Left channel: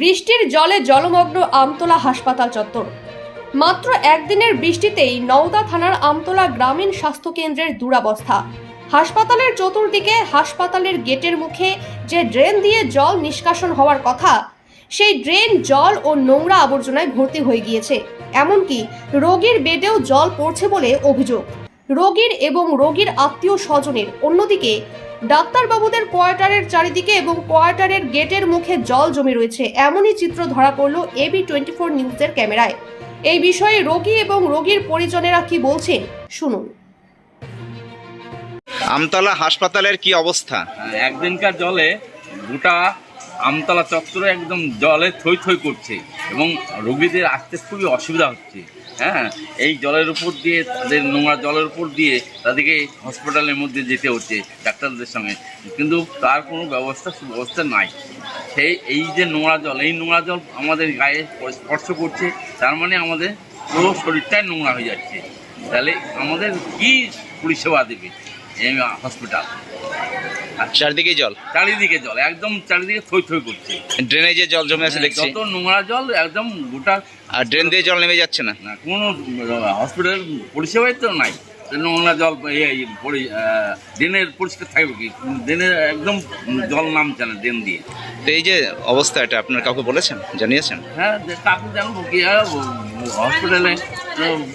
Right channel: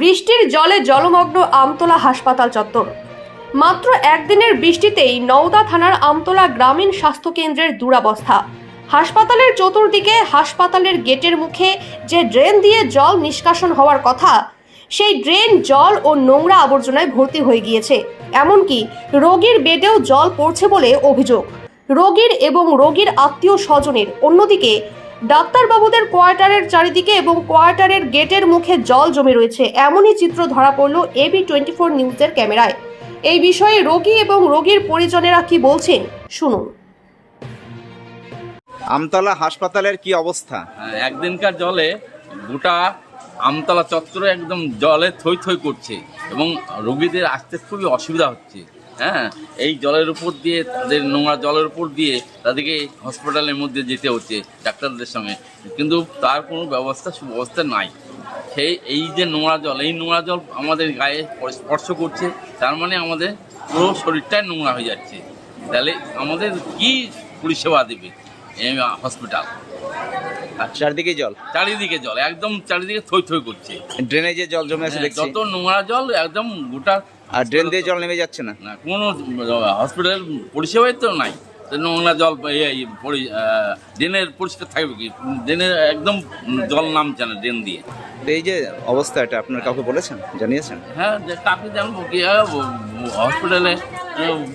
বৃষ্টির জলে জলমগ্ন আমতলা হাসপাতাল চত্বর। মাত্র একদিনের বৃষ্টিতেই নওদা থানার আমতলা গ্রামীণ স্বাস্থ্যকেন্দ্রের দুরাবস্থা। হাসপাতালের চতুর্দিকে হাসপাতালের গেটের মুখে যে ড্রেন দিয়ে জল নিষ্কাশন হওয়ার কথা, সেই ড্রেন, জল ও নোংরা আবর্জনায় ভর্তি হয়ে গিয়েছে। এমনকি রোগীর বেডেও জল পড়ছে বলে অভিযোগ। রোগীর এবং রোগীর আত্মীয় স্বজনের। অন্যদিকে ডাক্তারবাবুদের কোয়ার্টারের চারিদিকে এবং কোয়ার্টারের গেটের মুখে জল জমে রয়েছে। এমনই চিত্র ধরা পড়ল এবি টোয়েন্টি ফোর নিউজের ক্যামেরায়। এই বিষয়ে রোগী এবং রোগীর পরিজনেরা কি বলছেন শুনুন। আমতলা হাসপাতালের কি অবস্থা? হ্যাঁ, একদিনকার জলে গোটা আমতলা চত্বরে একদম জলে থই থই করছে এবং রোগীদের আসতে খুবই অসুবিধা হচ্ছে। হ্যাঁ এই জলের উপর দিয়ে, তাদের নোংরা জলের উপর দিয়ে তাদেরকে হসপিটালের মধ্যে যেতে হচ্ছে ডাক্তারদের সঙ্গে। কিন্তু তার কোনো ব্যবস্থা, সুব্যবস্থা নাই। সেই এই যে নোংরা জল, এই নোংরা জল আমাদের গায়ে স্পর্শ করছে, তার মানে আমাদের পুরো শরীরটাই নোংরা হয়ে যাচ্ছে। তাহলে আমাদের কি পরিষেবা দেবে? এই হসপিটাল চারদিকে জল? চারিদিকে জল একদম চারিদিকে থই থই করছে। ড্রেনেজে জল জমে আছে দেখছি। যত নোংরা জল একদম গোটা আর ড্রেন দিয়ে জল নেমে যাচ্ছে না? না কোনো হসপিটালের পরিষেবাই তো নাই। নোংরা জল ড্রেনের পরিষ্কার থাকবে কি? ড্রেনের একদম জল নামছে না ড্রেন দিয়ে। তো এই যে অবস্থা এটা আপনার কাউকে বলেছেন? জানিয়েছেন? হ্যাঁ কাকে জানব কি? হসপিটালে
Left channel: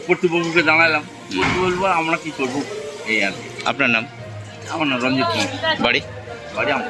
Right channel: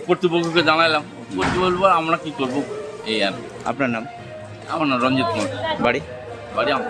কর্তৃপক্ষকে জানালাম। কর্তৃপক্ষ বলব আমরা কি করব? এই আর কি। আপনার নাম আমার নাম রঞ্জিত কুমার। বাড়ি? বাড়ি আমার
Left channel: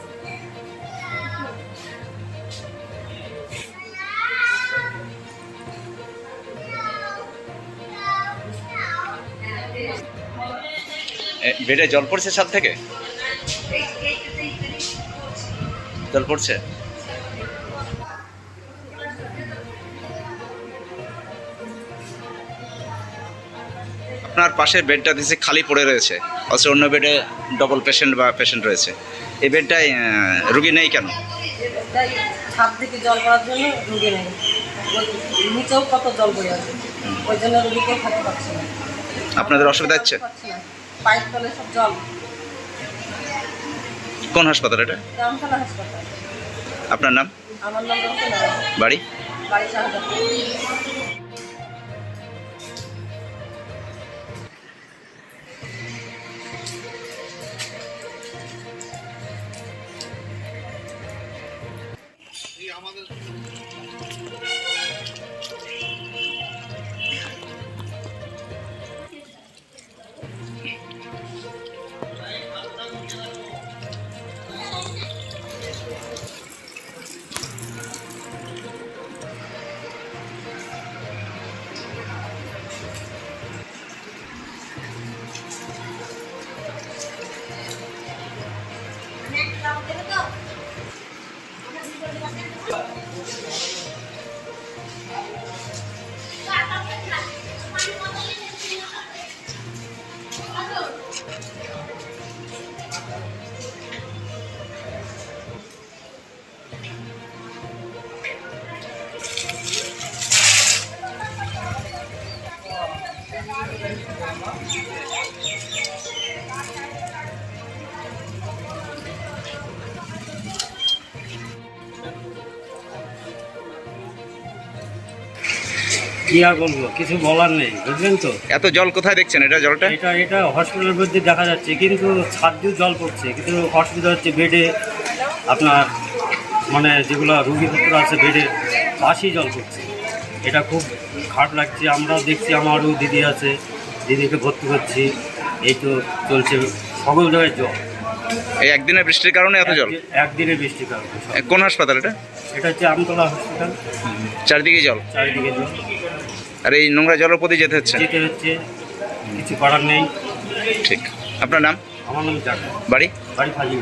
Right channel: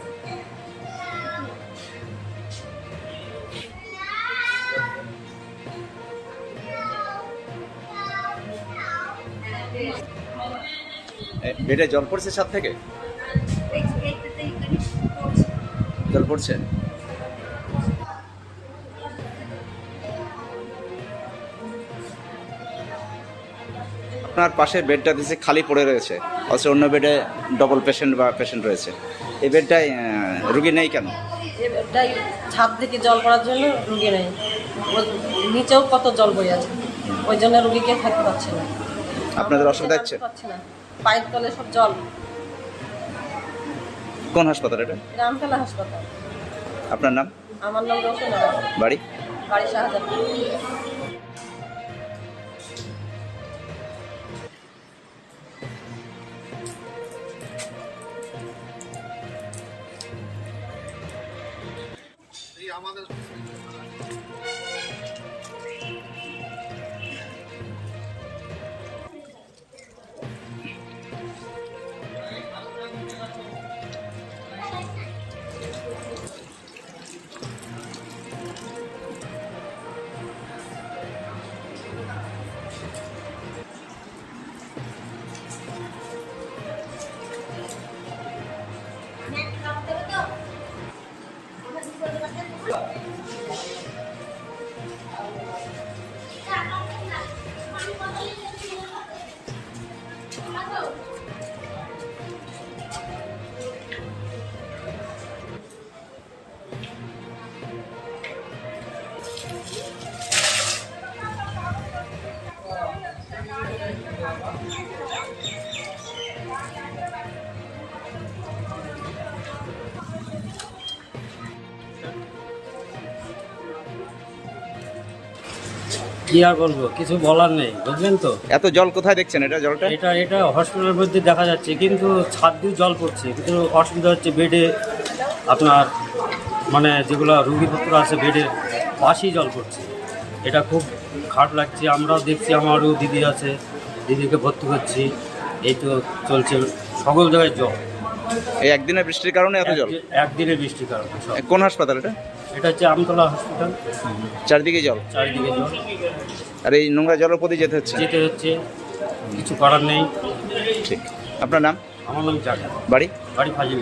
বেডে জল পড়ছে ছাদ থেকে? জল পড়ছে? আপনার পাশের বেডটা দিছে খালি পড়ে রয়েছে অথচ অন্য বেডে ডবল পেশেন্ট বা পেশেন্ট রয়েছে। এই বেডটায় রুগী নেই কেন? ছাদ থেকে জল পড়ার জন্য রুগী নেই। নিচেও কত জল বয়ে আছে ওই জন্য রুগীকে থাকতে পারছি না। আপনাদের অসুবিধা হচ্ছে? না। পায়ের তলে সব জল। কোন হাসপাতাল এটা? রামতলা হাসপাতাল। আপনার নাম? আমার নাম রতন। বাড়ি? বাড়ি শাহজাহান। কি আর বলব কিছু বলার নেই বুঝলেন তো? এত জল কোথায় দেখছেন এটা জলটা? এটা এটা হসপিটালের মধ্যে দেখা যাচ্ছে কিন্তু ছাদ দিয়ে জল পড়ছে কিন্তু অসুবিধা হচ্ছে বেডে আপনার মানে যেগুলো রুগীপত্র আছে বেডে পাশেই জল পড়ছে। এটা খুব খারাপ লাগছে আমরাও দেখছি আমারও দিদি আছে। দিদিকে ভর্তি করছি। এই তো চলছে সকল জায়গায় জল। এই একদিনের বৃষ্টির কারণে এত জল? একদি- একদিনের বৃষ্টির কারণে কোন হাসপাতাল এটা? এটা হচ্ছে আমতলা হসপিটাল চারিদিকে জল? চারিদিকে জল। আর এই নোংরা জলের প্রতি যেতে হচ্ছে? যেতে হচ্ছে। কিছু করার নেই। ঠিক। আপনার নাম? আমার নাম চাকা বাড়ি? বাড়ি ফাজিল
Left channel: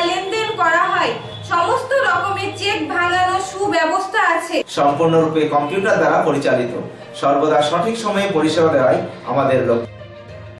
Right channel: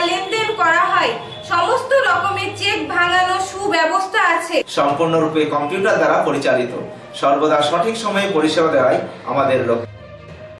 আছে। সম্পূর্ণরূপে কম্পিউটার দ্বারা পরিচালিত। সর্বদা সঠিক সময়ে পরিষেবা দেওয়াই আমাদের লক্ষ্য।